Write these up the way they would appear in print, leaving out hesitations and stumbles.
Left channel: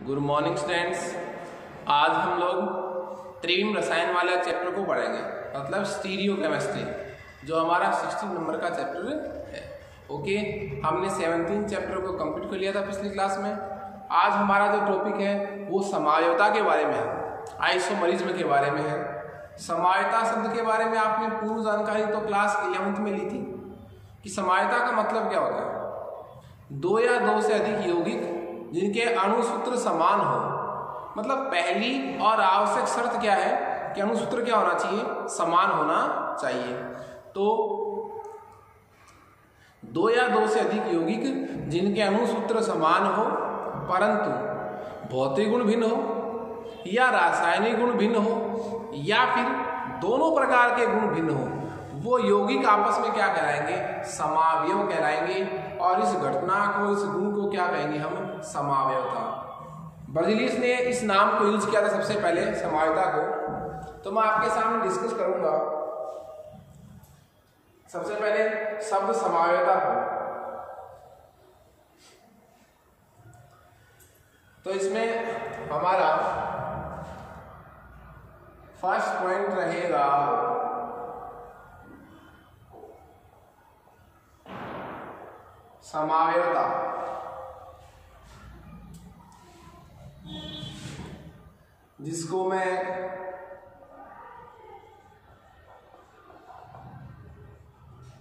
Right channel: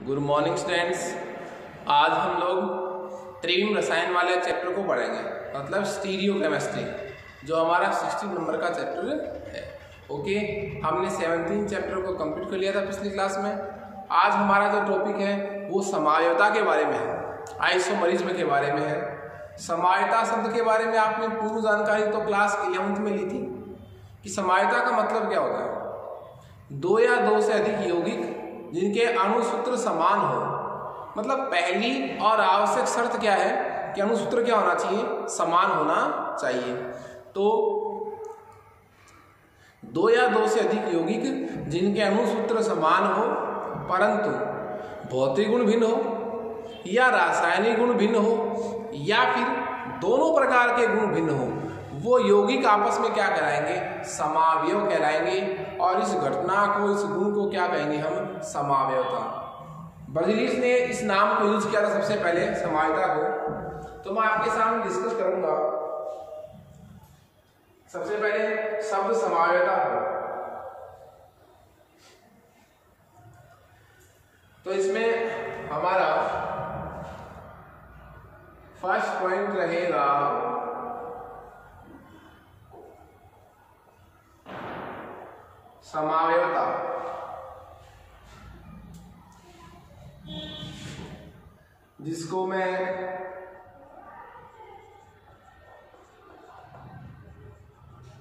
Good morning students. आज हम लोग त्रिविम रसायन वाले चैप्टर को पढ़ेंगे, मतलब स्टीरियो केमिस्ट्री, जो हमारा 16 नंबर का चैप्टर है। ओके, हमने 17 चैप्टर को कंप्लीट कर लिया था पिछली क्लास में। आज हमारा जो टॉपिक है वो समावयवता के बारे में है, आइसोमरिज्म के बारे में है। समावयवता शब्द के बारे में आपने पूर्व जानकारी तो क्लास 11th में ली थी कि समावयवता का मतलब क्या होता है। दो या दो से अधिक यौगिक जिनके अणुसूत्र समान हो, मतलब पहली और आवश्यक शर्त क्या है कि अणुसूत्र क्या होना चाहिए, समान होना चाहिए। तो दो या दो से अधिक यौगिक जिनके अणुसूत्र समान हो परंतु भौतिक गुण भिन्न हो या रासायनिक गुण भिन्न हो या फिर दोनों प्रकार के गुण भिन्न हो, वो यौगिक आपस में क्या कहलाएंगे, समावयव कहलाएंगे। और इस घटना को, इस गुण को क्या कहेंगे हम, समावयवता। बर्ज़ेलियस ने इस नाम को यूज किया था सबसे पहले, समावयवता को। तो मैं आपके सामने डिस्कस करूंगा सबसे पहले शब्द समावयवता को। तो इसमें हमारा फर्स्ट पॉइंट रहेगा समावयवता। जिसको मैं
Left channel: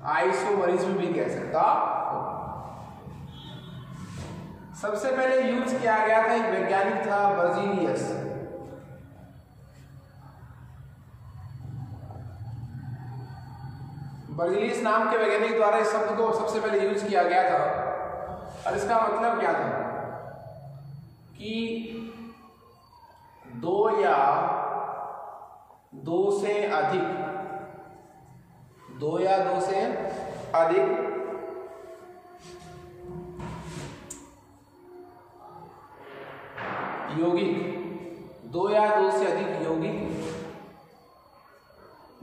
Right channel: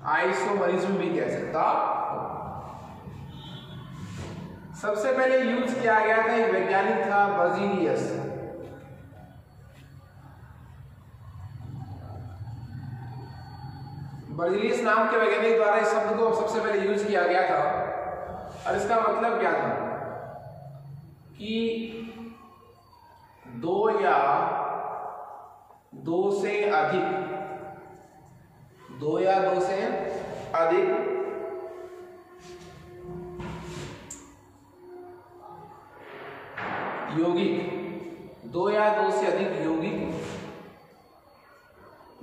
आइसोमरिज्म भी कह सकता हूं। सबसे पहले यूज किया गया था, एक वैज्ञानिक था बर्ज़ेलियस। बर्ज़ेलियस नाम के वैज्ञानिक द्वारा इस शब्द को सबसे पहले यूज किया गया था। और इसका मतलब क्या था कि दो या दो से अधिक, दो या दो से अधिक यौगिक, दो या दो से अधिक यौगिक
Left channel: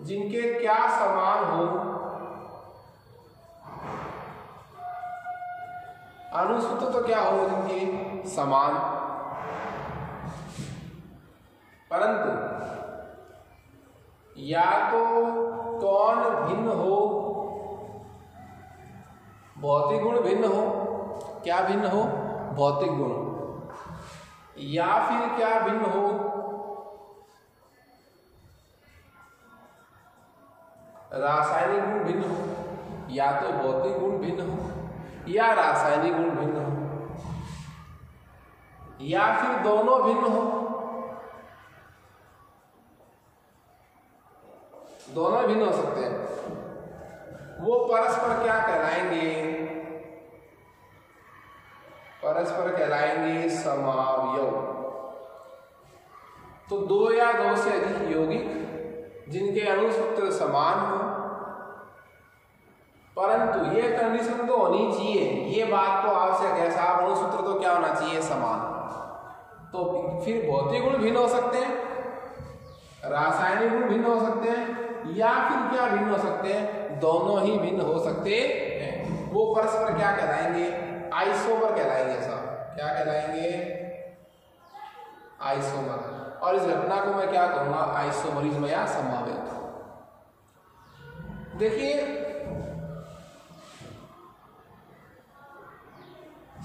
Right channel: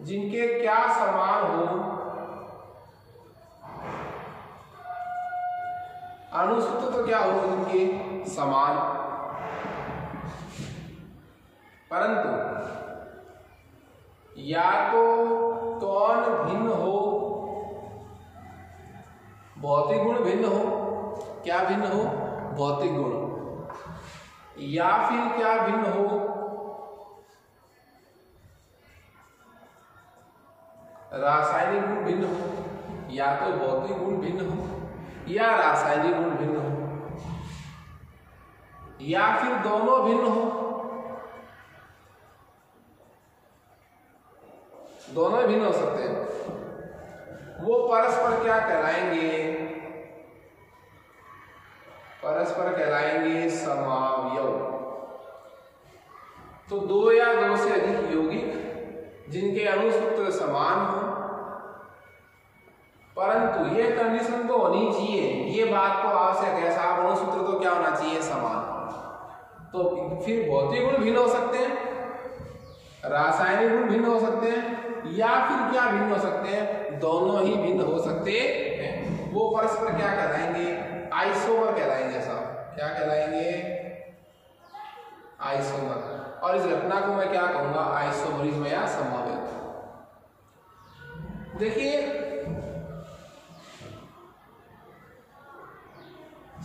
जिनके क्या समान हो, अणुसूत्र तो क्या हो जिनके समान, परंतु या तो कौन भिन्न हो, भौतिक गुण भिन्न हो, क्या भिन्न हो, भौतिक गुण, या फिर क्या भिन्न हो, रासायनिक गुण भिन्न हो। या तो भौतिक गुण भिन्न हो या रासायनिक गुण भिन्न हो या फिर दोनों भिन्न हो, दोनों भिन्न हो सकते हैं। वो परस्पर क्या कहलाएंगे, परस्पर कहलाएंगे समावयव। तो दो या दो से अधिक यौगिक जिनके अणुसूत्र समान हो, परंतु ये कंडीशन तो होनी चाहिए, ये बात तो आवश्यक है साहब, अणुसूत्र तो क्या होना चाहिए, समान। तो फिर भौतिक गुण भिन्न हो सकते हैं, रासायनिक गुण भिन्न हो सकते हैं, या फिर क्या भिन्न हो सकते हैं, दोनों ही भिन्न हो सकते हैं। वो परस्पर क्या कहलाएंगे, आइसोमर कहलाएंगे साहब। क्या कहलाएंगे, आइसोमर। और इस घटना को मैं क्या कहूंगा, आइसोमरिज्म या समावयवता। देखिए,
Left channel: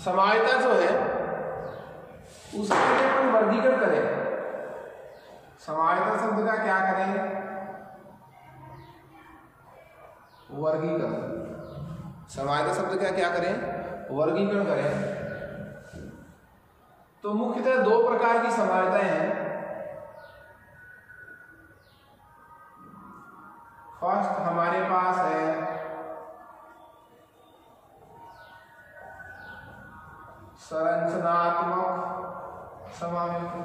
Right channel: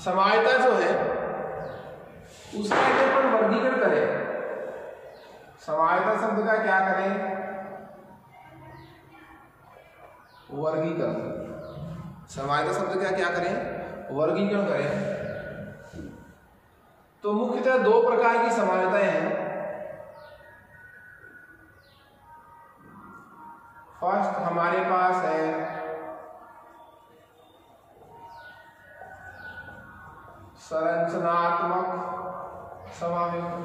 समावयवता जो है उसका यदि अपन वर्गीकरण करें, समावयवता शब्द का क्या करें, वर्गीकरण। समावयवता शब्द का क्या करें, वर्गीकरण करें। तो मुख्यतः दो प्रकार की समावयवताएं हैं। फर्स्ट हमारे पास है संरचनात्मक समावयवता।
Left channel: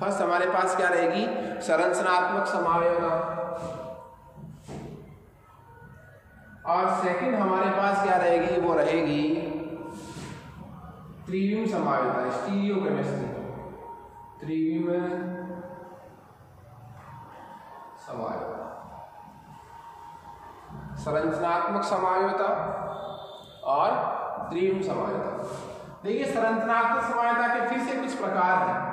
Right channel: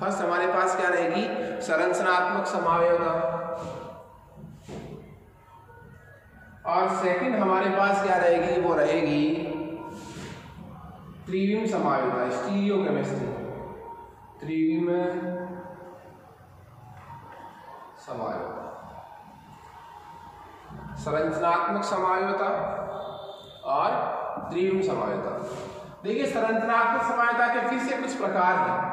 फर्स्ट हमारे पास क्या रहेगी, संरचनात्मक समावयवता। और सेकंड हमारे पास क्या रहेगी, वो रहेगी त्रिविम समावयवता, स्टीरियो केमिस्ट्री, त्रिविम समावयवता। संरचनात्मक समावयवता और त्रिविम समावयवता। देखिए संरचनात्मक समानता के फिर से कुछ प्रकार है।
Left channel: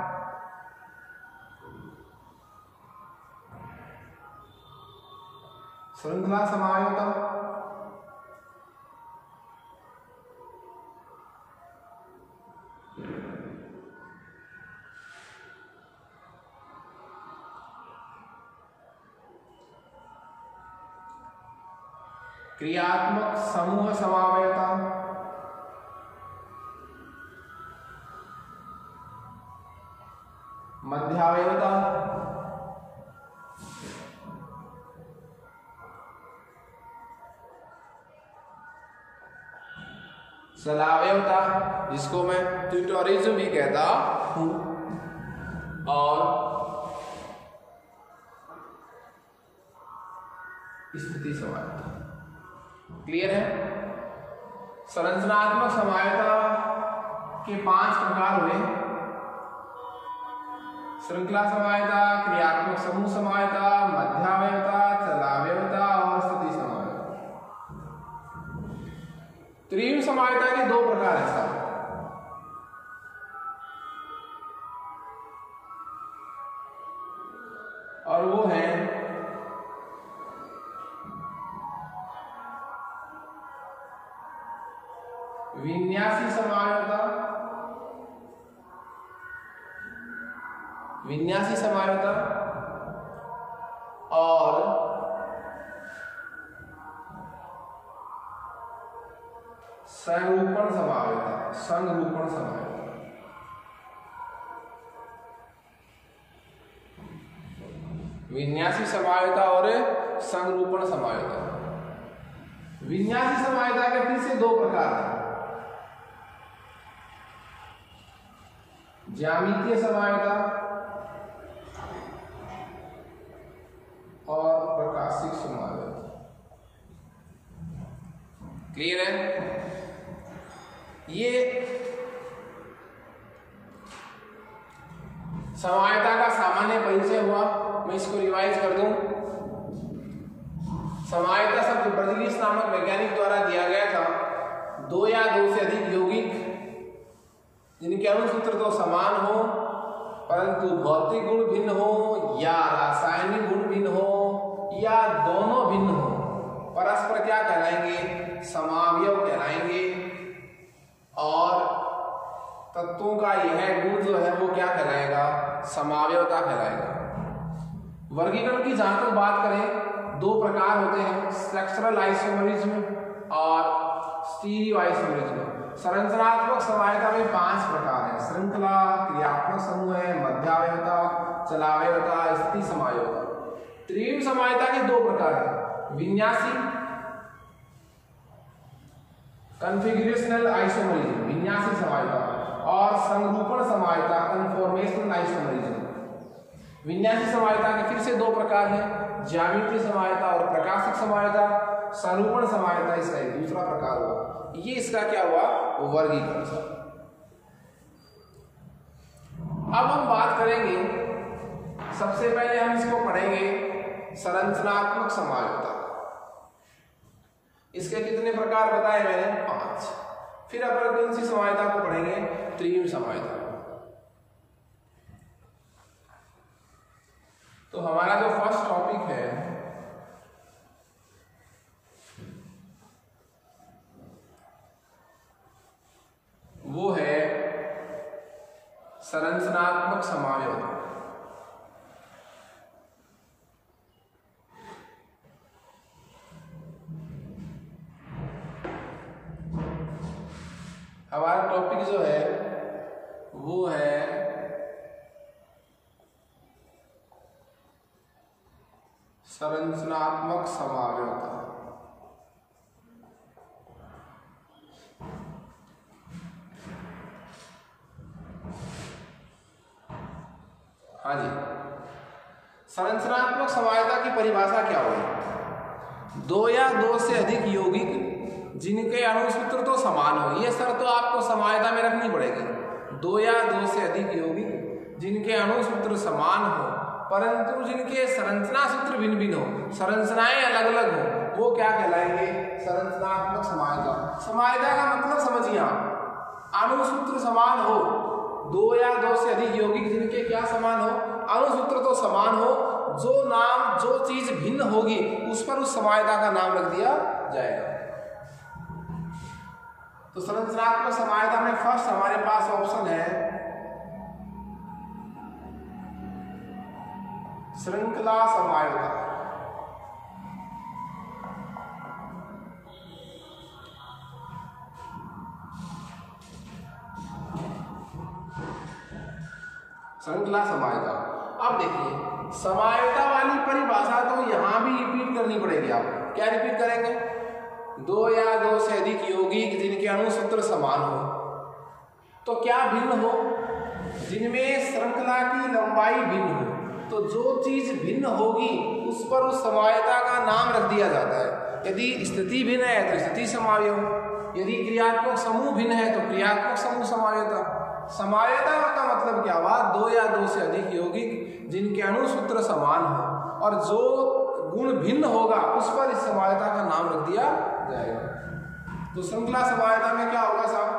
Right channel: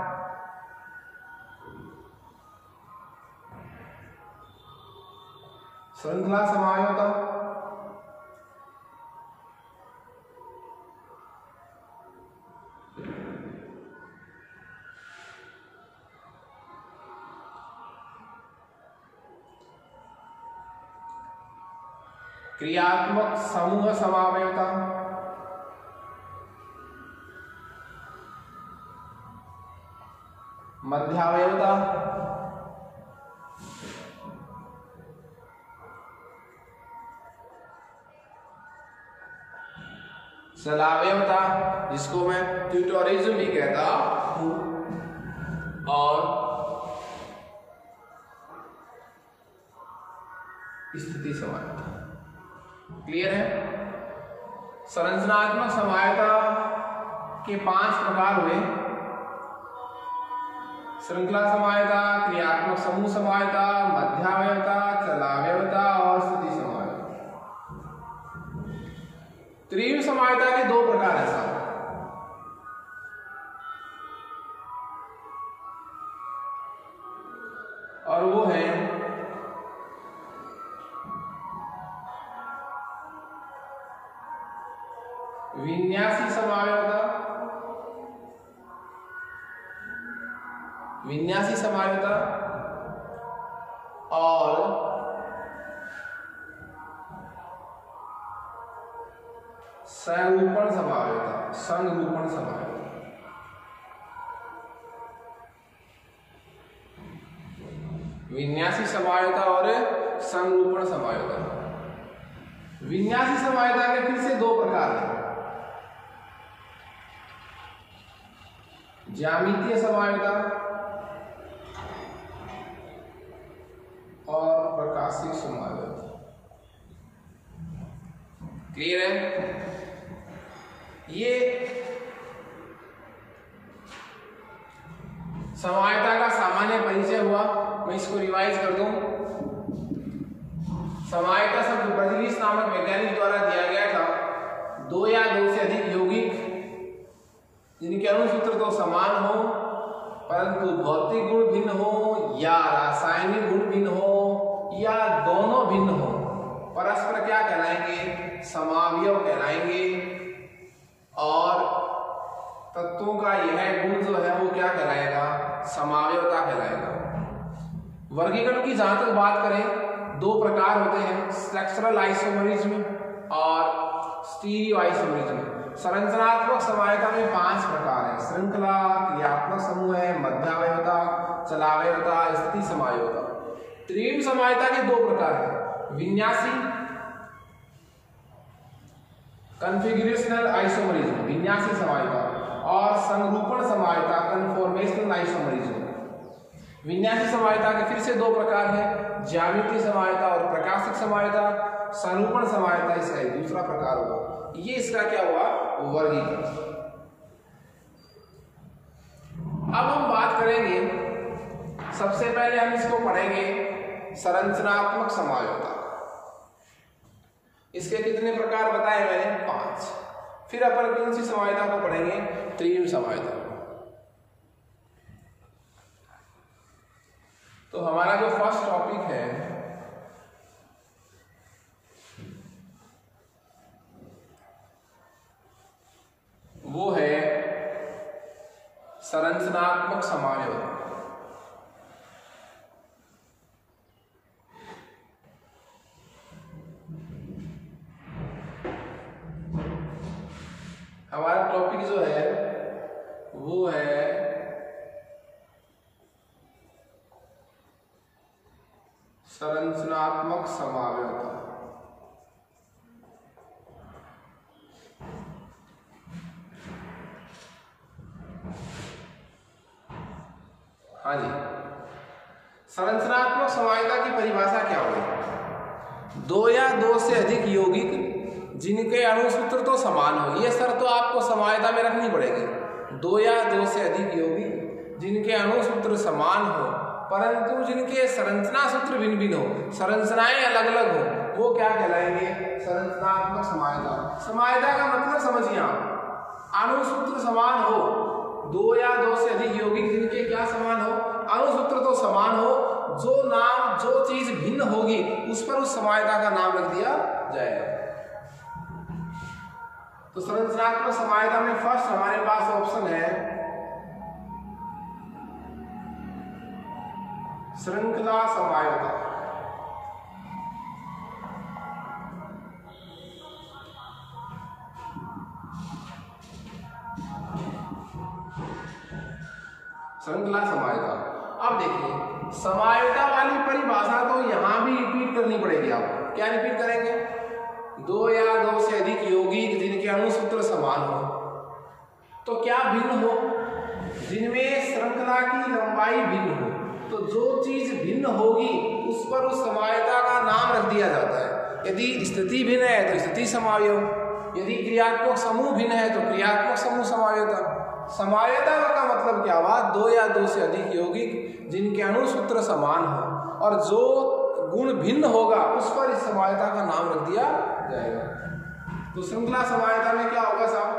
श्रृंखला समायोता, क्रियात्मक समूह समावयता, मध्यावयवता, चलावयवता, जिसको मैं ट्यूटोरिज्म भी कहता हूं, और स्थिति समायता। क्लियर है? संरचनात्मक समायता के 5 प्रकार हुए। श्रृंखला समायता, क्रियात्मक समूह समायता, मध्यावयवता, चलावयवता और स्थिति समायता। त्रिविम समायता के 2 प्रकार हैं साहब। और वो है विन्यासी समायोता, विन्यासी समायोता और संरूपण समायोता, संरूपण समायोता। विन्यासी समायोता और संरूपण समायोता। विन्यासी समायोता के फिर से 2 प्रकार हैं। ज्यामितीय समायोता और प्रकाशिक समायोता। क्लियर है? ये समायोता का सामान्य परिचय हुआ। मैं इसको रिवाइज कर दूं। समायोता शब्द ब्रजलीस नामक वैज्ञानिक द्वारा दिया गया था। 2 या 2 से अधिक यौगिक जिनके अणुसूत्र तो समान हो परंतु भौतिक गुण भिन्न हो या रासायनिक गुण भिन्न हो या दोनों भिन्न हो, परस्पर क्या कहलाएंगे? समावयव कहलाएंगे। और तत्वों का यह गुण जो है वो क्या कहलाएगा? समावयवता कहलाएगा। वर्गीकरण की जहां तक बात करें, 2 प्रकार होते हैं, स्ट्रक्चरल आइसोमरिज्म और स्टीरियो आइसोमरिज्म। संरचनात्मक समायता में 5 प्रकार है। श्रृंखला, क्रियात्मक समूह है, मध्यावयवता, चलावयवता, स्थिति समायोता। त्रिविम समायता के 2 प्रकार हैं, विन्यासी कन्फिगरेशनल आइसोमरिज्म, विन्यासी समायता, और संरूपण समायता, कन्फॉर्मेशनल आइसोमरिज्म। विन्यासी समायता के फिर से 2 प्रकार हैं, ज्यामितीय समायता और प्रकाशिक समायता। संरूपण समायता इसका दूसरा प्रकार हुआ। ये इसका क्या हुआ? वर्गीकरण। अब हम बात करेंगे, सबसे पहले हम इसको पढ़ेंगे संरचनात्मक समायोता। इसके कितने प्रकार बताए मैंने? 5। फिर अपन कौन सी समायोता को पढ़ेंगे? त्रिविम समायोता। तो हमारा जो फर्स्ट टॉपिक है वो है संरचनात्मक समायोता। हमारा टॉपिक जो है वो है संरचनात्मक समायोता। हाँ जी, संरचनात्मक समायोता की परिभाषा क्या होगी? 2 या 2 से अधिक यौगिक जिनके अणुसूत्र तो समान हो। ये शर्त तो आपको समायोता में रखनी पड़ेगी। 2 या 2 से अधिक यौगिक जिनके अणुसूत्र समान हो परंतु जिनके संरचना सूत्र भिन्न भिन्न हो, संरचनाएं अलग अलग हो, वो क्या कहलाएंगे? संरचनात्मक समायोता। समायोता का मतलब समझिए आप, अणुसूत्र समान हो, 2 या 2 से सभी यौगिक जिनके क्या समान हो, अणुसूत्र तो समान हो, जो चीज भिन्न होगी उस पर उस समायता का नाम रख दिया जाएगा। तो संरचनात्मक समायता में फर्स्ट हमारे पास ऑप्शन है श्रृंखला समायता। श्रृंखला समायता। अब देखिए समायता वाली परिभाषा तो यहां भी रिपीट करनी पड़ेगी। आपको क्या रिपीट करेंगे? दो या दो से अधिक यौगिक जिनके अणुसूत्र समान हो। तो क्या भिन्न हो? जिनमें श्रृंखला की लंबाई भिन्न हो। तो जो चीज भिन्न होगी उस पर उस समायता का नाम रख दिया जाता है। यदि स्थिति भिन्न है तो स्थिति समावयव, यदि क्रियात्मक समूह भिन्न है तो क्रियात्मक समूह समावयवता। समायता का मतलब क्या हुआ? दो या दो से अधिक यौगिक जिनके अणुसूत्र समान हो और जो गुण भिन्न होगा उस पर इस समायता का नाम रख दिया जाएगा। तो श्रृंखला समायता में क्या होगा साहब?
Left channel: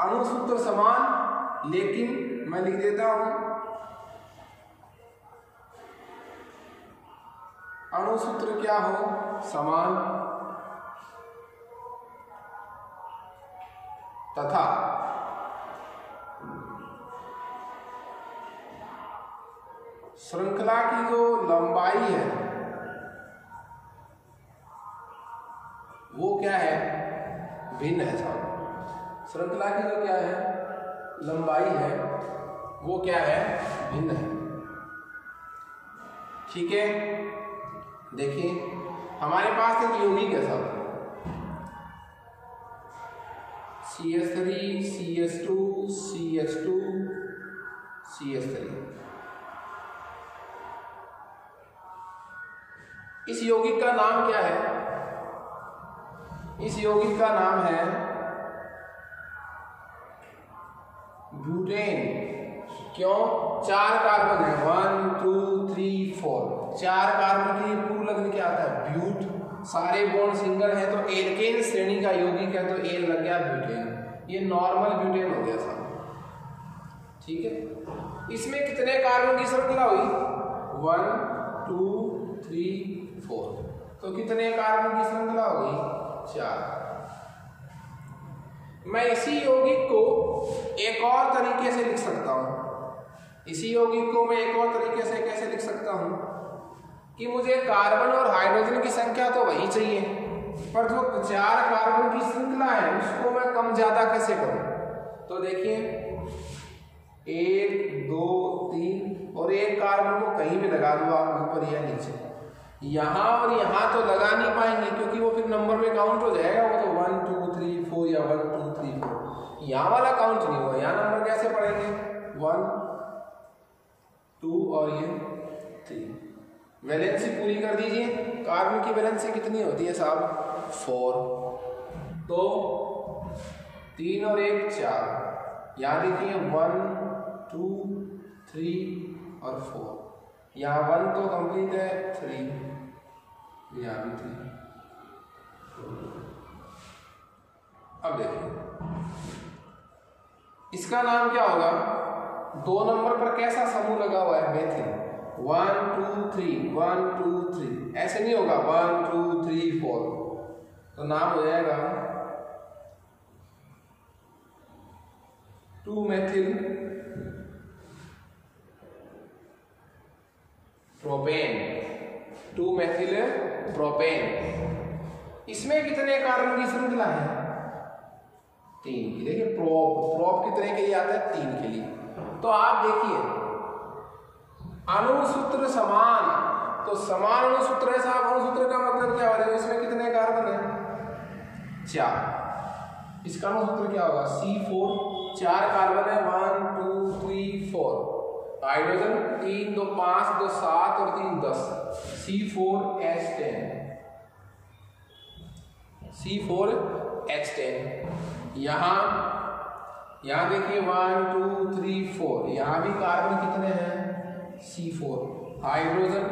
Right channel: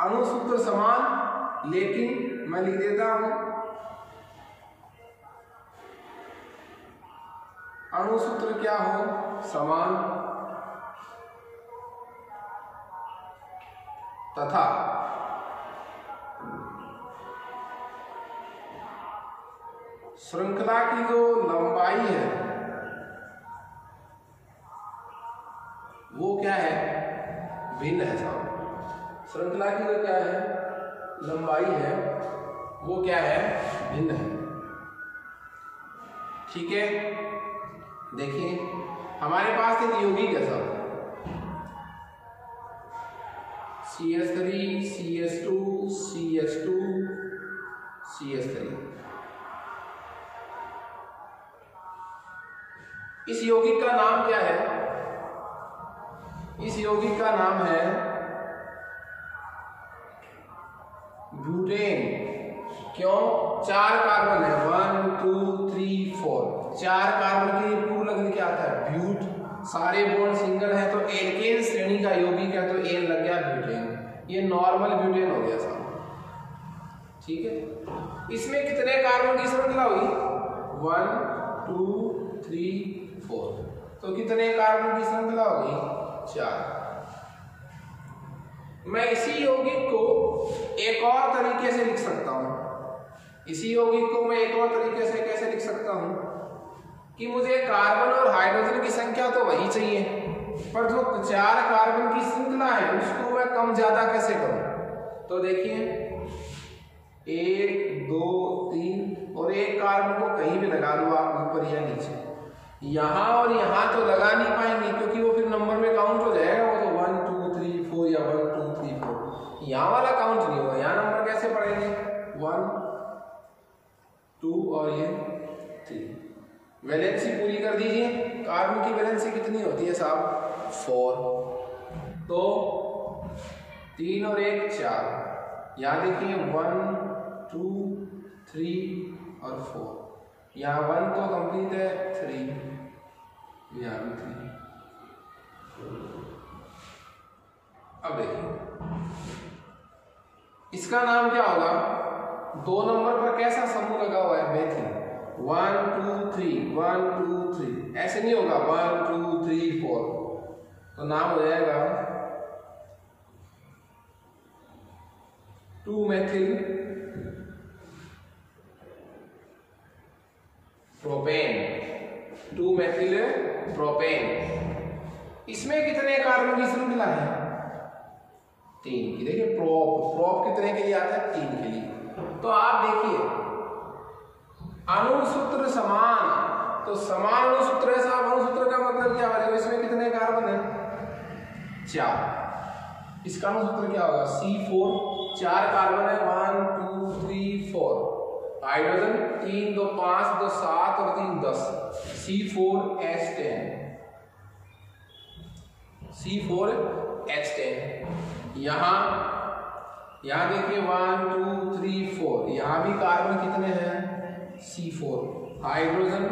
अणुसूत्र समान, लेकिन मैं लिख देता हूं अणुसूत्र क्या हो? समान, तथा श्रृंखला की जो लंबाई है वो क्या है? भिन्न है साहब। श्रृंखला की जो क्या है लंबाई है वो क्या है? भिन्न है। ठीक है, देखिए हमारे पास एक यौगिक है साहब CH3 CH2 CH2 CH3। इस यौगिक का नाम क्या है? इस यौगिक का नाम है ब्यूटेन। क्यों? 4 कार्बन है, 1 2 3 4। 4 कार्बन के लिए पूर्व लग्न क्या आता है? ब्यूट। सारे बॉन्ड सिंगल है तो एल्केन श्रेणी का यौगिक है तो एन लग गया ब्यूटेन। ये नॉर्मल ब्यूटेन हो गया साहब। ठीक है, इसमें कितने कार्बन की श्रृंखला हुई? 1 2 3 4। तो कितने कार्बन की श्रृंखला होगी? 4। मैं इसी यौगिक को एक और तरीके से लिख सकता हूं। इसी यौगिक को मैं एक और तरीके से कैसे लिख सकता हूं कि मुझे कार्बन और हाइड्रोजन की संख्या तो वही चाहिए, पर जो 4 कार्बन की श्रृंखला है उसको मैं कम ज्यादा कैसे करूं? तो देखिए 1 2 3 और एक कार्बन को कहीं भी लगा दो आप, ऊपर या नीचे। यहां और यहां तो लगा नहीं पाएंगे क्योंकि वो फिर नंबर में काउंट हो जाएगा। वो तो 1 2 3 4 या 1 2 3 4 यहां वाला काउंट नहीं होगा। यहां नंबर कैसे पढ़ेंगे? 1 2 और ये 3। वैलेंसी पूरी कर दीजिए। कार्बन की वैलेंसी कितनी होती है साहब? 4। तो 3 और 1 4। यहाँ देखिए 1 2 3 और 4। यहाँ 1 तो कंप्लीट है, 3 यहाँ भी 3। अब देखिए इसका नाम क्या होगा? 2 नंबर पर कैसा समूह लगा हुआ है? मेथिल। 1 2 3 1 2 3 ऐसे नहीं होगा 1 2 3 4। तो नाम हो जाएगा 2 मेथिल प्रोपेन। 2 methyl propane. इसमें कितने कार्बन की श्रृंखला है? 3 की। देखिए प्रोप कितने के लिए आता है? 3 के लिए। तो आप देखिए अणुसूत्र समान, तो समान अणुसूत्र है साहब। अणुसूत्र का मतलब क्या हो जाएगा? इसमें कितने कार्बन है? 4। इसका अणुसूत्र क्या होगा? C4। 4 कार्बन है, 1 2 3 4। हाइड्रोजन 3 2 5 2 7 और 3 10। C4H10। C4H10। यहाँ देखिए 1 2 3 4। यहाँ भी कार्बन कितने हैं? C4। हाइड्रोजन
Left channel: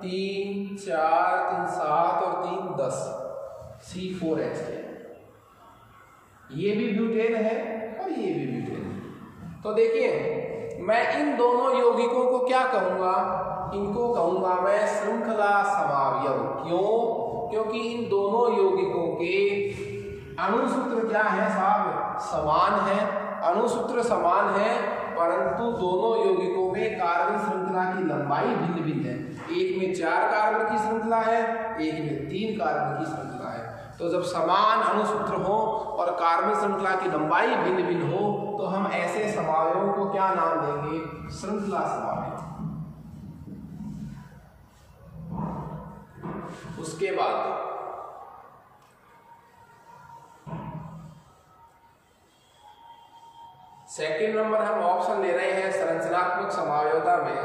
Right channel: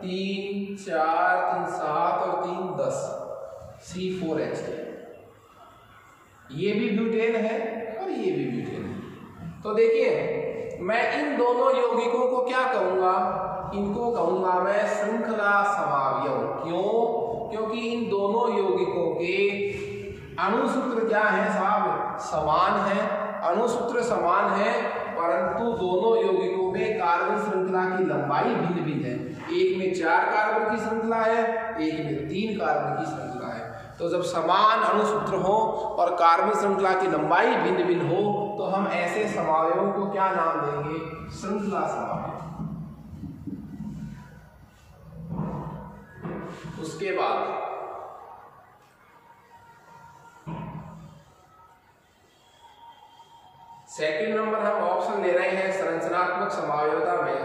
3 4 3 7 और 3 10। C4H10। ये भी ब्यूटेन है और ये भी ब्यूटेन है। तो देखिए मैं इन दोनों यौगिकों को क्या कहूंगा, इनको कहूंगा मैं श्रृंखला समावयव। क्यों? क्योंकि इन दोनों यौगिकों के अणुसूत्र क्या है साहब, समान है। अणुसूत्र समान है, परंतु दोनों यौगिकों में कार्बन श्रृंखला की लंबाई भिन्न भिन्न है। एक में 4 कार्बन की श्रृंखला है, एक में 3 कार्बन की श्रृंखला है। तो जब समान अणुसूत्र हो और कार्बन श्रृंखला की लंबाई भिन्न भिन्न हो तो हम ऐसे समावयवों को क्या नाम देंगे, श्रृंखला समावयव। उसके बाद सेकंड नंबर हम ऑप्शन ले रहे हैं संरचनात्मक समावयवता में,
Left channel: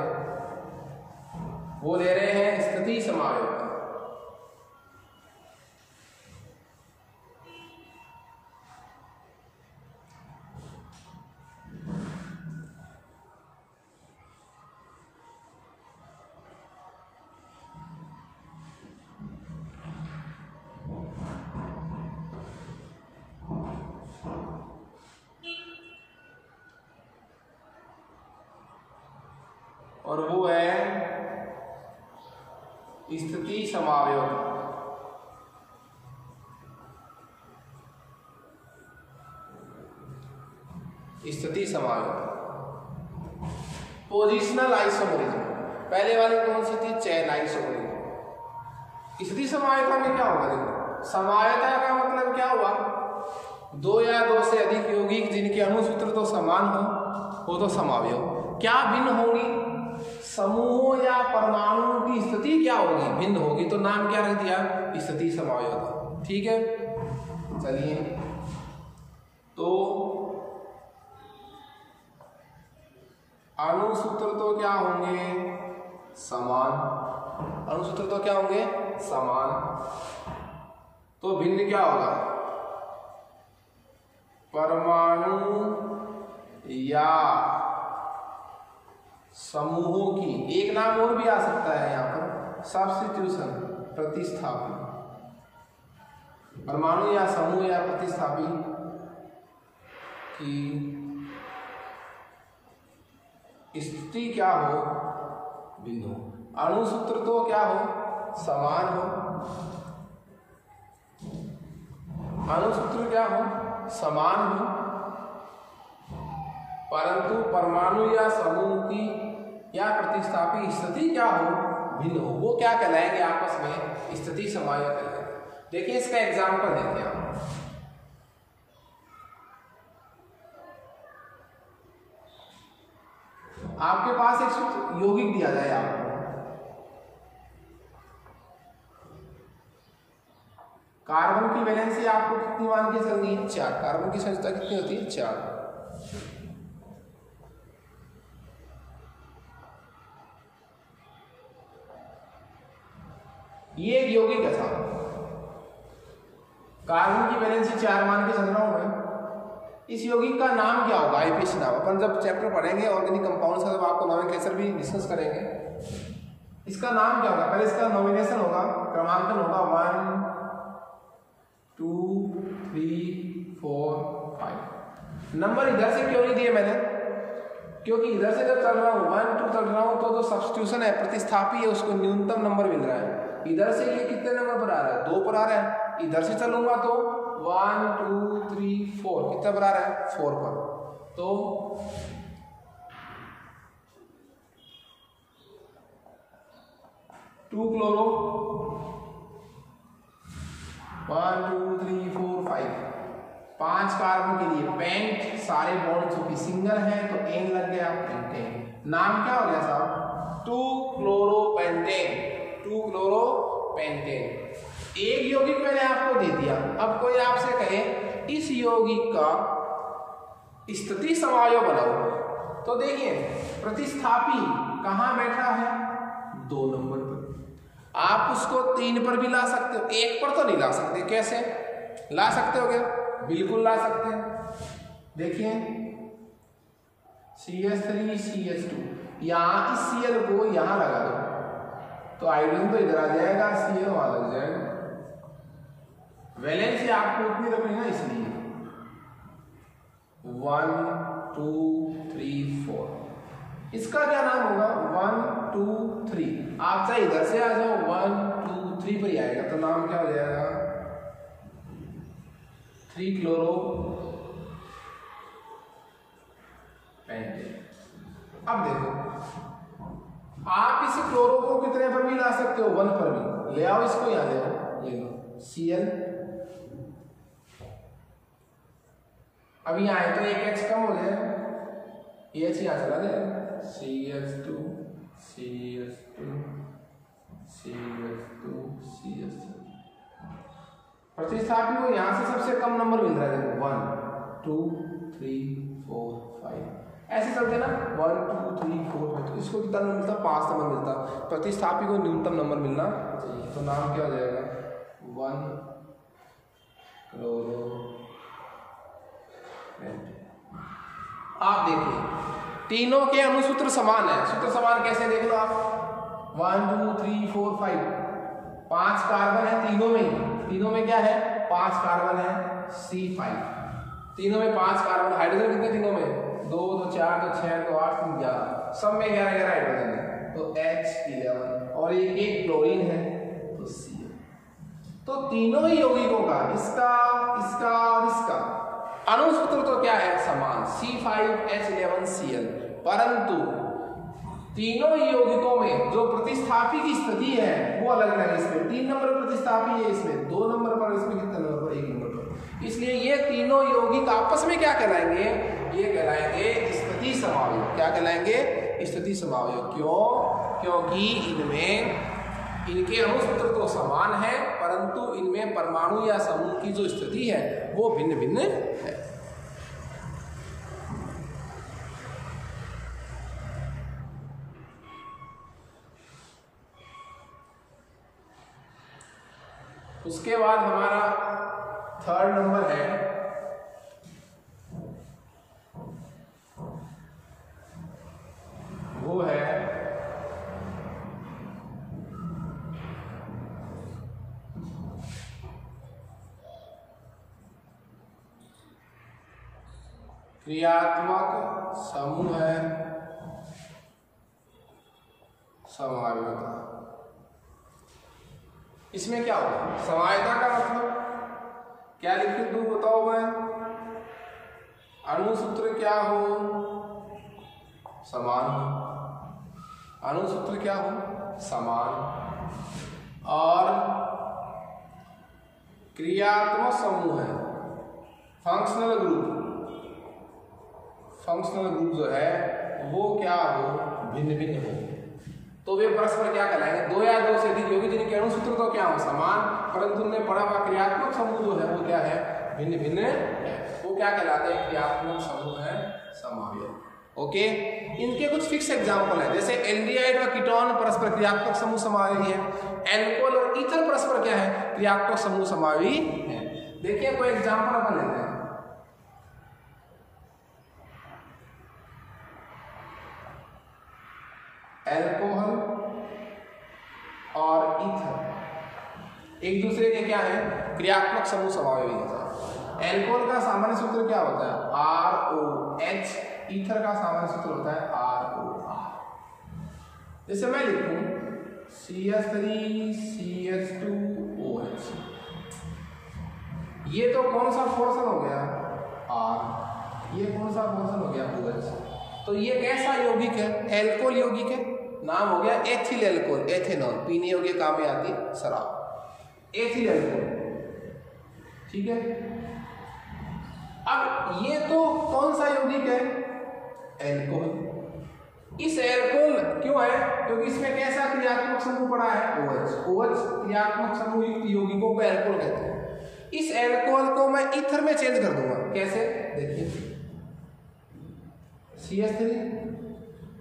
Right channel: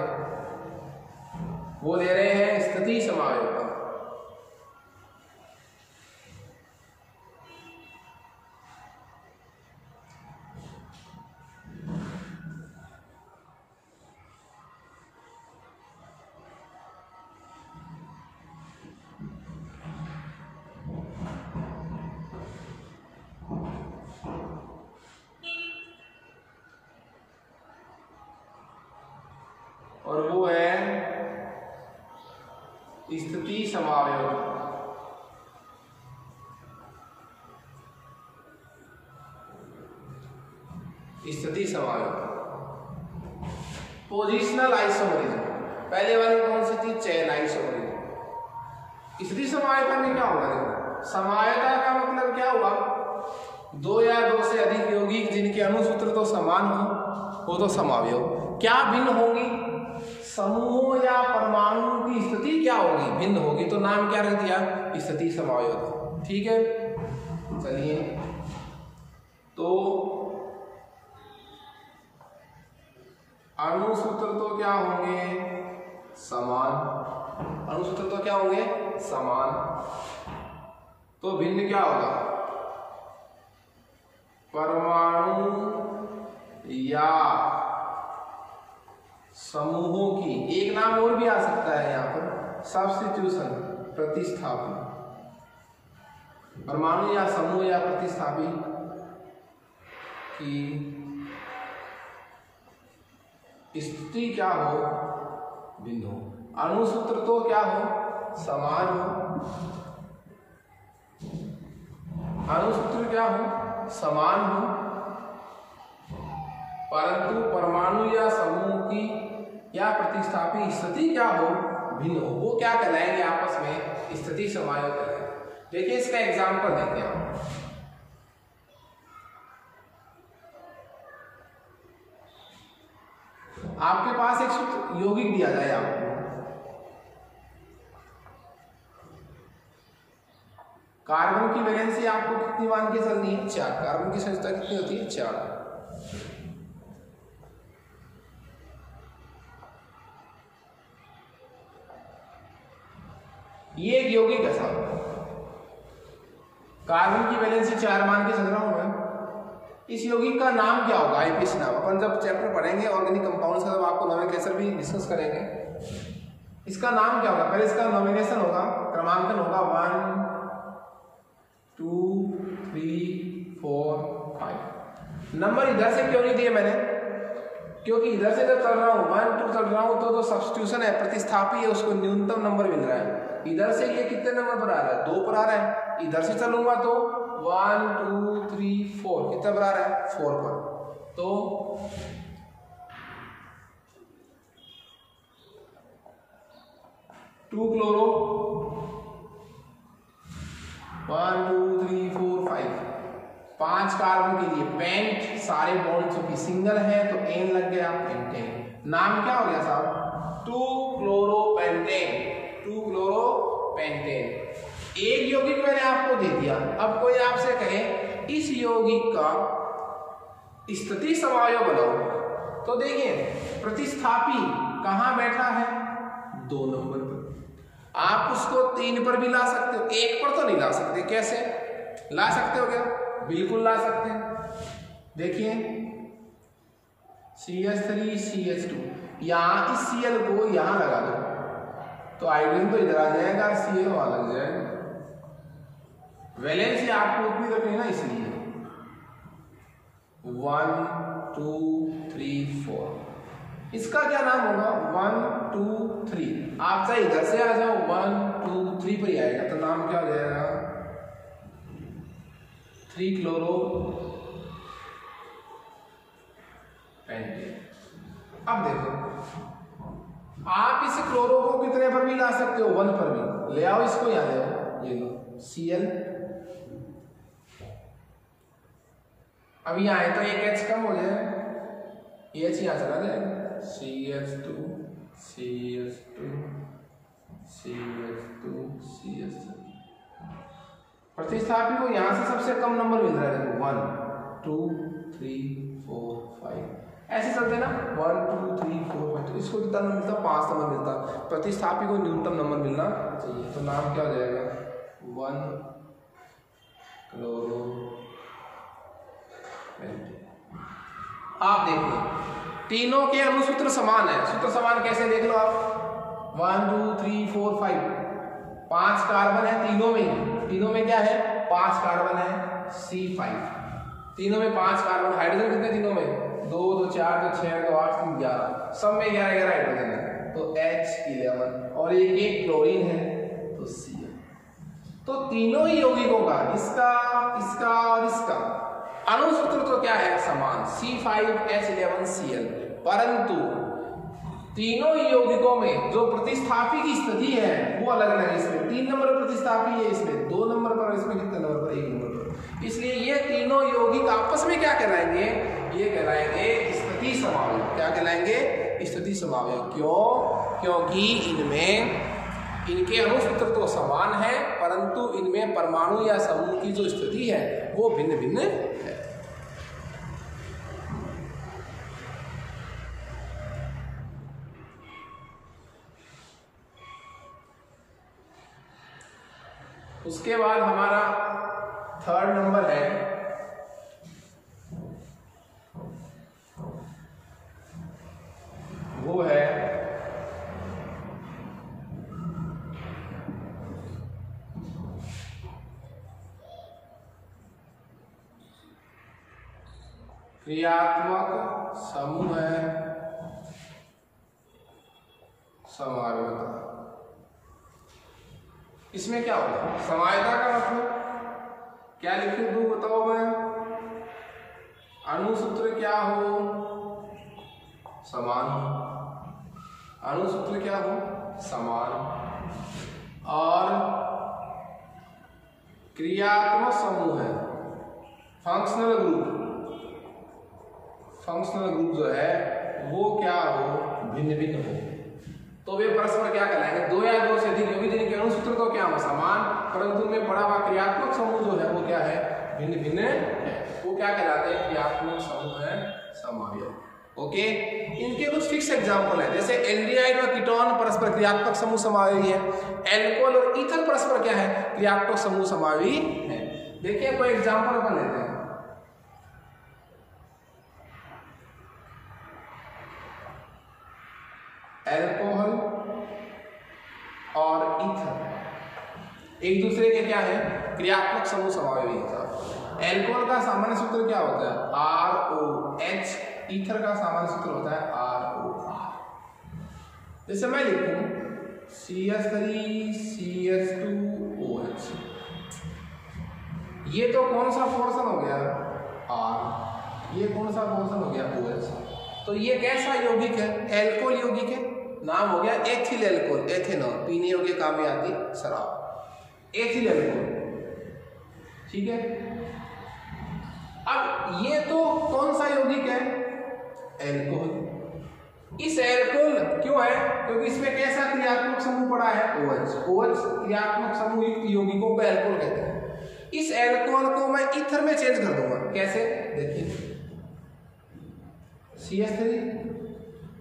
वो ले रहे हैं स्थिति समावयवता। और वो है स्थिति समावयव। स्थिति समावयव, पोजिशनल आइसोमरिज्म। पहले वाली कौन सी थी, चेन आइसोमरिज्म। स्थिति समावयवता में क्या होगा, देखो समावयवता का मतलब क्या हुआ, 2 या 2 से अधिक यौगिक जिनके अणुसूत्र तो समान हो वो तो समावयव। क्या भिन्न होगी, समूहों या परमाणुओं की स्थिति क्या होगी, भिन्न होगी, तो नाम क्या रख दिया, स्थिति समावयवता। ठीक है, चलिए तो अणुसूत्र तो क्या होंगे, समान। अणुसूत्र तो क्या होंगे, समान। तो भिन्न क्या होगा, परमाणु या समूहों की, एक नाम और भी आ सकता है यहां पर, सब्स्टिट्यूशन, प्रतिस्थापन। परमाणु या समूह या प्रतिस्थापी की स्थिति क्या हो, भिन्न हो। अणुसूत्र तो क्या हो, समान हो। अणुसूत्र क्या हो, समान हो, परंतु परमाणु या समूह की या प्रतिस्थापी स्थिति क्या हो, भिन्न हो। वो क्या कहलाएंगे आपस में, स्थिति समावयव कहलाएंगे। देखिए इसका एग्जाम्पल देखते हैं आप। आपके पास एक यौगिक दिया जाए आपको, कार्बन की वैलेंसी आपको कितनी मान के चलनी है, 4। कार्बन की संख्या कितनी होती है, 4। ये एक यौगिक है साहब, कार्बन की वैलेंसी 4 मान के चल रहा हूं मैं। इस यौगिक का नाम क्या होगा, आईपीसी नाम। अपन जब चैप्टर पढ़ेंगे ऑर्गेनिक कंपाउंड्स का, जब आपको नोमेनक्लेचर भी डिस्कस करेंगे, इसका नाम क्या होगा, पहले इसका नॉमिनेशन होगा, क्रमांकन होगा 1 2 3 4 5। नंबर इधर से क्यों नहीं दिए मैंने, क्योंकि इधर से जब चल रहा हूँ 1 2 चल रहा हूँ तो जो सब्स्टिट्यूशन है, प्रतिस्थापी है, उसको न्यूनतम नंबर मिल रहा है। इधर से ये कितने नंबर पर आ रहा है, 2 पर आ रहा है। इधर से चलूंगा तो 1 2 3 4 कितना पर आ रहा है, 4 पर। तो 2 क्लोरो 1 2 3 4 5 5 कार्बन के लिए पेंट, सारे बॉन्ड चूंकि सिंगल है तो एन लग गया, पेंटेन। नाम क्या हो गया साहब, 2 क्लोरोपेंटेन। 2 क्लोरोपेंटेन। एक यौगिक मैंने आपको दे दिया। अब कोई आपसे कहे इस यौगिक का स्थिति समावयव बनाओ, तो देखिए प्रतिस्थापी कहां बैठा है, 2 नंबर पर। आप उसको 3 पर भी ला सकते हो, 1 पर तो नहीं ला सकते। कैसे ला सकते हो, क्या बिल्कुल ला सकते हैं। देखिए CH3 CH2, यहां इस Cl को यहां लगा दो तो हाइड्रोजन तो इधर आ जाएगा, Cl वहां लग जाएगा। वैलेंसी आपको उतनी रखनी है ना, इसलिए 1 2 3 4 इसका क्या नाम होगा 1 2 3। आप चाहे इधर से आ जाओ 1 2 3 पर ही आएगा, तो नाम क्या हो जाएगा 3 क्लोरो पेंटेन। अब देखो आप इस क्लोरो को कितने पर भी ला सकते हो, 1 पर भी ले आओ, इसको यहां ले आओ, ये लो Cl। अब यहाँ आए तो एक H कम हो जाएगा, ये H यहाँ चला जाएगा, CH2 CH2 CH2 CH2। प्रतिस्थापी को यहां से सबसे कम नंबर मिल रहा है, देखो 1 2 3 4 5 ऐसे चलते ना, 1 2 3 4 5। तो इसको कितना नंबर मिलता, 5 नंबर मिलता। प्रतिस्थापी को न्यूनतम नंबर मिलना चाहिए, तो नाम क्या हो जाएगा 1 क्लोरो पेंटेन। आप देखिए तीनों के अणुसूत्र समान है। सूत्र समान कैसे देख लो आप, 1 2 3 4 5 5 कार्बन है तीनों में, तीनों में क्या है 5 कार्बन है, C5 तीनों में 5 कार्बन। हाइड्रोजन कितने तीनों में, 2 2 4 2 6 2 8 3 11, सब में 11 11 हाइड्रोजन है, तो H11 और एक क्लोरीन है तो Cl। तो तीनों ही यौगिकों का, इसका इसका और इसका अणुसूत्र तो क्या है समान, C5H11Cl, परंतु तीनों ही यौगिकों में जो प्रतिस्थापी की स्थिति है वो अलग अलग है। इसमें 3 नंबर पर प्रतिस्थापी है, इसमें 2 नंबर पर, इसमें कितने नंबर पर, 1 नंबर पर। इसलिए ये तीनों यौगिक आपस में क्या कहलाएंगे, ये कहलाएंगे स्थिति समवाय। क्या कहलाएंगे, स्थिति समवाय। क्यों, क्योंकि इनमें इनके अणुसूत्र तो समान है, परंतु इनमें परमाणु या समूह की जो स्थिति है वो भिन्न भिन्न है। उसके बाद हमारा 3rd नंबर है वो है क्रियात्मक समूह है समवायता। इसमें क्या होगा, समवायता का मतलब क्या लिखित दूं बताओ मैं, अणुसूत्र क्या हो समान हो, अणुसूत्र क्या हो समान, और क्रियात्मक समूह है फंक्शनल ग्रुप, फंक्शनल ग्रुप जो है वो क्या हो भिन्न भिन्न हो। तो वे परस्पर क्या कहलाएंगे, 2 या 2 से अधिक यौगिक जिनके अणुसूत्र तो क्या हो समान, परंतु उनमें पड़ा हुआ क्रियात्मक समूह जो है वो क्या है भिन्न भिन्न है, वो क्या कहलाते हैं क्रियात्मक समूह है समवाय। ओके, इनके कुछ फिक्स एग्जांपल है, जैसे एल्डिहाइड और कीटोन परस्पर क्रियात्मक समूह समवायी है, एल्कोहल और ईथर परस्पर क्या है क्रियात्मक समूह समवायी है। देखिए कोई एग्जांपल अपन लेते हैं, एल्कोहल और ईथर एक दूसरे के क्या है क्रियात्मक समूह समवायी होता है। एल्कोहल का सामान्य सूत्र क्या होता है ROH, ईथर का सामान्य सूत्र होता है ROR। जैसे मैं लिखूं CH3CH2OH, ये तो कौन सा पोर्शन हो गया R, ये कौन सा पोर्शन हो गया OH। तो ये कैसा यौगिक है, एल्कोहल यौगिक है, नाम हो गया एथिल एल्कोहल, एथेनॉल पीने योग्य काम में आती शराब, एथिल एल्कोहल। ठीक है, अब ये तो कौन सा यौगिक है एल्कोहल। इस एल्कोहल क्यों है, क्योंकि इसमें कैसा क्रियात्मक समूह पड़ा है OH, OH क्रियात्मक समूह युक्त यौगिकों को एल्कोहल कहते हैं। इस एल्कोहल को मैं ईथर में चेंज कर दूंगा, कैसे देखिए CH3,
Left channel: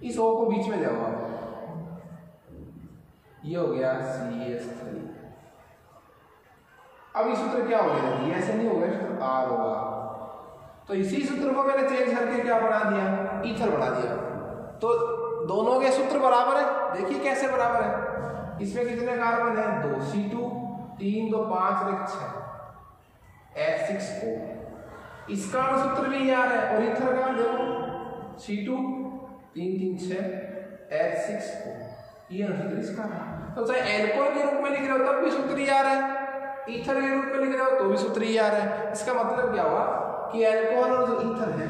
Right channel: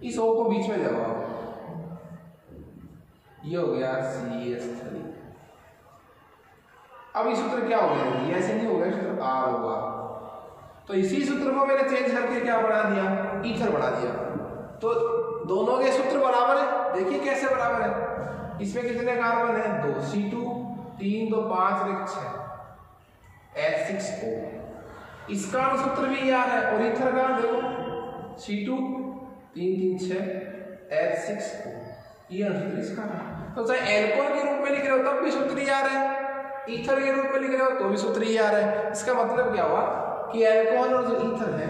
इस O को बीच में जाओ आप, ये हो गया CH3। अब इस सूत्र क्या हो गया, ये ऐसे नहीं हो गया सूत्र R होगा, तो इसी सूत्र को मैंने चेंज करके क्या बना दिया ईथर बना दिया। तो दोनों के सूत्र बराबर है, देखिए कैसे बराबर है, इसमें कितने कार्बन है 2, C2 3 2 5 6 H6O, इसका सूत्र भी यार है, और ईथर का देखो C2 3 3 6 H6O, ये सूत्र इसका है। तो चाहे एल्कोहल के रूप में लिख रहे हो तब भी सूत्र ही आ रहा है, ईथर के रूप में लिख रहे हो तो भी सूत्र ही आ रहा है। इसका मतलब क्या हुआ कि एल्कोहल और जो ईथर है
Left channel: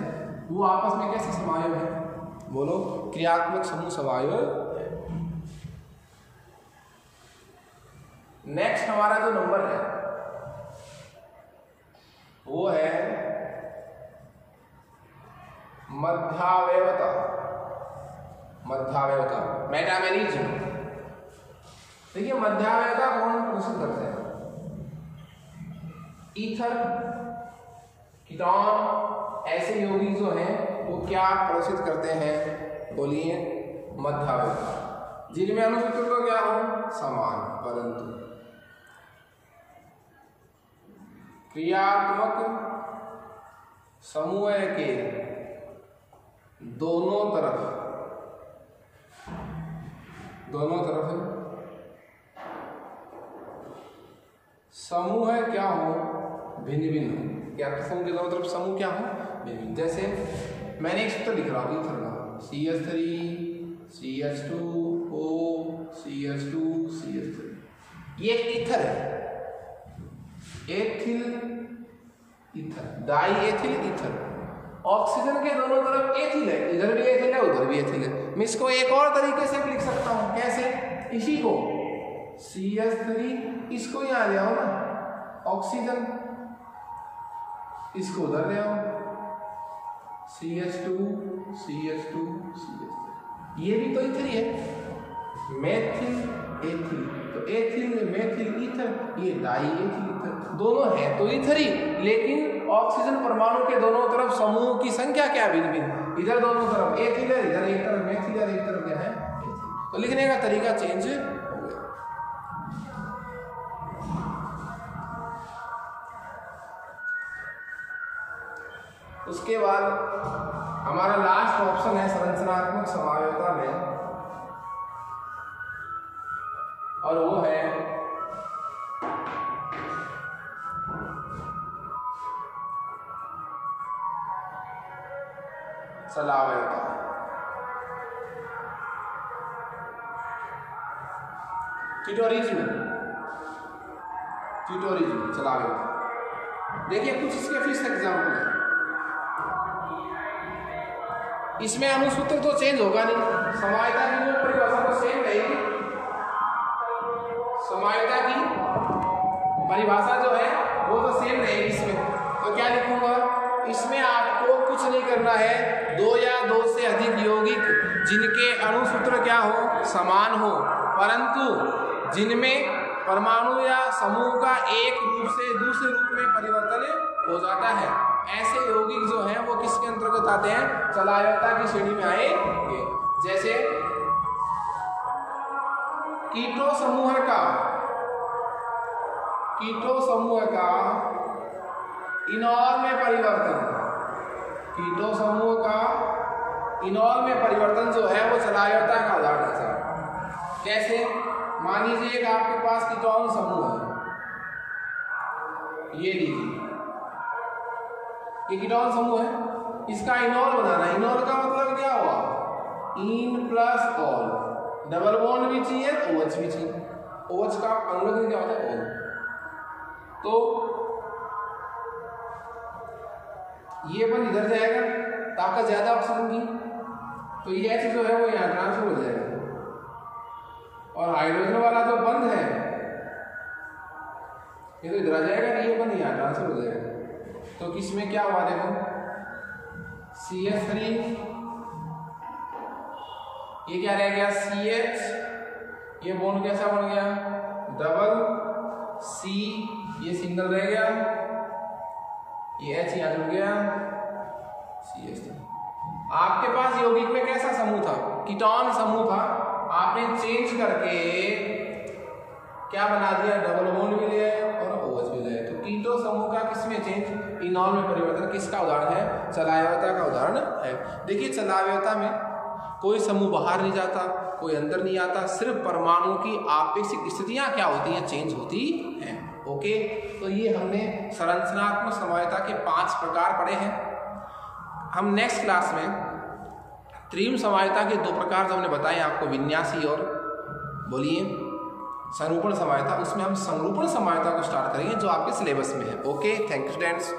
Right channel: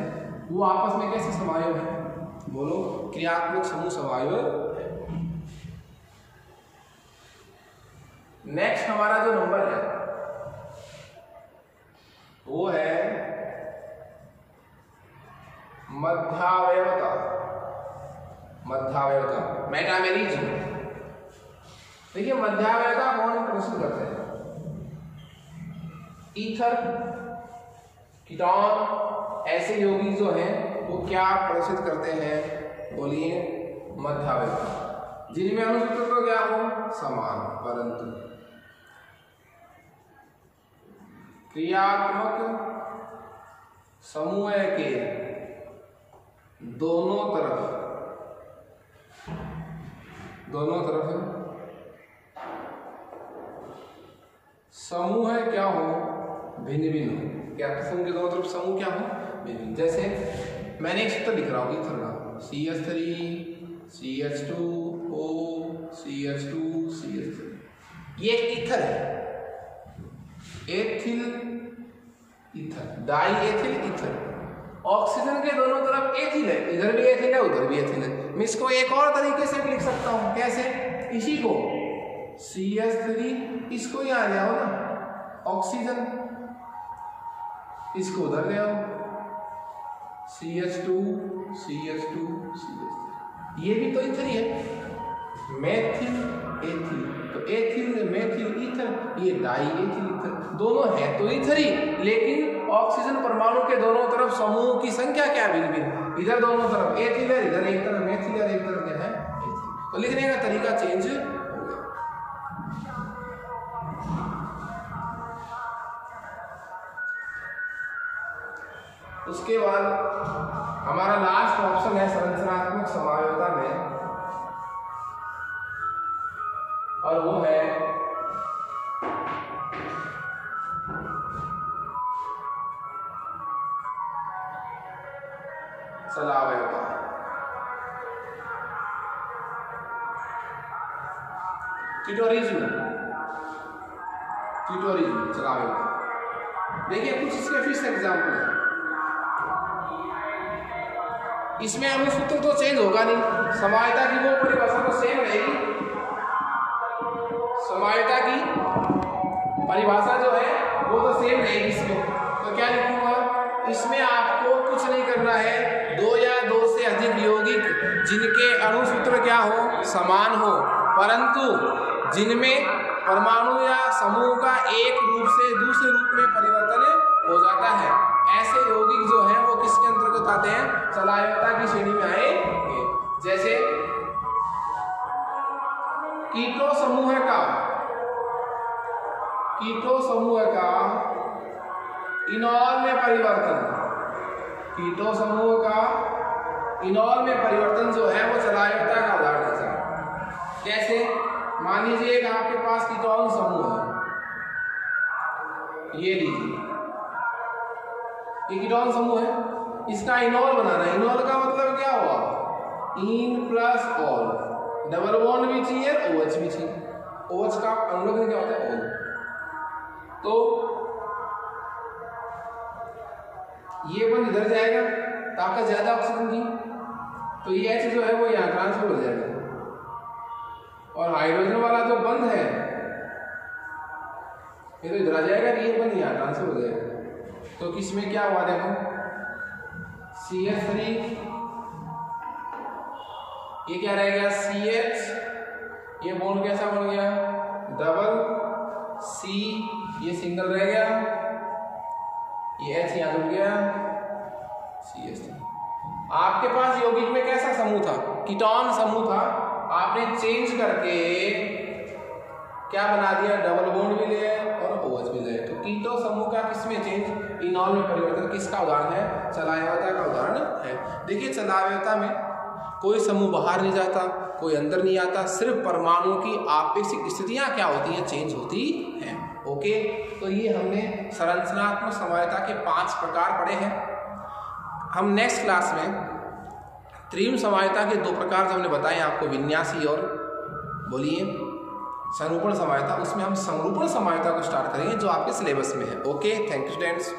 वो आपस में कैसे समायोग है, बोलो क्रियात्मक समूह समायोग। नेक्स्ट हमारा जो नंबर है वो है मध्यावयवता। मध्यावयवता मेटामेरिज्म। देखिए मध्यावयवता कौन प्रदर्शित करते हैं, ईथर, कीटोन, ऐसे यौगिक जो हैं वो क्या प्रदर्शित करते हैं, बोलिए मध्यावयवता, जिनमें अणुसूत्र तो क्या हो समान परंतु क्रियात्मक समूह के दोनों तरफ समूह क्या हो भिन्न भिन्न हो। क्या समूह के दोनों तरफ समूह क्या हो भिन्न भिन्न। जैसे मैंने एक सूत्र लिख रहा हूँ ईथर का, CH3 CH2O CH2 CH3, ये एक ईथर है, ethyl ether, die ethyl ether. Oxygen के दोनों तरफ एथिल है, इधर भी एथिल है उधर भी एथिल है। मैं इसको एक और तरीके से भी लिख सकता हूं, कैसे, इसी को CH3 इसको यहां ले आओ ना, ऑक्सीजन इसको उधर ले आओ, CH2 CH2 CH3, ये भी तो ईथर ही है, मेथिल एथिल, तो एथिल मेथिल ईथर, ये डाई एथिल ईथर, दोनों है तो ईथर ही, लेकिन ऑक्सीजन परमाणु के दोनों तरफ समूह की संख्या क्या भिन्न भिन्न, इधर दोनों तरफ एथिल है, इधर एक तरफ मेथिल है, एक तरफ क्या है एथिल। तो लिखने का तरीका चेंज हो गया। उसके बाद हमारा लास्ट ऑप्शन है संरचनात्मक समायोजकता में, और वो है सलावयता। ट्यूटोरिज्म सलावयता। देखिए कुछ इसके फिर से एग्जाम्पल है, इसमें हमें सूत्र तो चेंज होगा नहीं, समायता की वो परिभाषा तो सेम रहेगी, समायता की परिभाषा जो है वो तो सेम रहेगी इसमें। तो क्या लिखूंगा, इसमें आपको कुछ नहीं करना है, दो या दो से अधिक यौगिक जिनके अणु सूत्र क्या हो समान हो, परंतु जिनमें परमाणु या समूह का एक रूप से दूसरे रूप में परिवर्तन हो जाता है, ऐसे यौगिक जो हैं वो किसके अंतर्गत आते हैं, सलावयता की श्रेणी में आएंगे। जैसे कीटो समूह का इनॉल में परिवर्तन, कीटो समूह का इनॉल में परिवर्तन जो है वो सलावयता का उदाहरण है। कैसे, मान लीजिए कि आपके पास कीटोन समूह है, ये लीजिए ये कीटोन समूह है, इसका इनॉल बनाना है। इनॉल का मतलब क्या हुआ, in plus all, double bond भी चाहिए, OH भी चाहिए। OH का अनुलग्न क्या होता है ऑल, तो ये बन इधर जाएगा, ताकत ज्यादा ऑक्सीजन की, तो ये H जो है वो यहाँ ट्रांसफर हो जाएगा, और हाइड्रोजन वाला जो बंद है ये तो इधर आ जाएगा, ये बंद यहाँ ट्रांसफर हो जाएगा। तो किसमें क्या हुआ देखो, CH3, ये क्या रहेगा CH, ये बॉन्ड कैसा बन गया डबल C, ये सिंगल रह गया, ये H यहाँ जुड़ गया CH3। आपके पास यौगिक में कैसा समूह था, कीटोन समूह था, आपने चेंज करके क्या बना दिया, डबल बॉन्ड भी ले और OH भी ले। तो कीटो समूह का किसमें चेंज, इनॉल में परिवर्तन, किसका उदाहरण है, सलावयता का उदाहरण है। देखिए सलावयता में कोई समूह बाहर नहीं जाता, कोई अंदर नहीं आता, सिर्फ परमाणुओं की आपेक्षिक स्थितियां क्या होती हैं, चेंज होती हैं। ओके, तो ये हमने संरचनात्मक समायोजकता के 5 प्रकार पढ़े हैं। हम नेक्स्ट क्लास में त्रिविम समायता के दो प्रकार जो हमने बताए आपको, विन्यासी और बोलिए संरूपण समायता। उसमें हम संरूपण समायता को स्टार्ट करेंगे जो आपके सिलेबस में है। Okay, thank you students.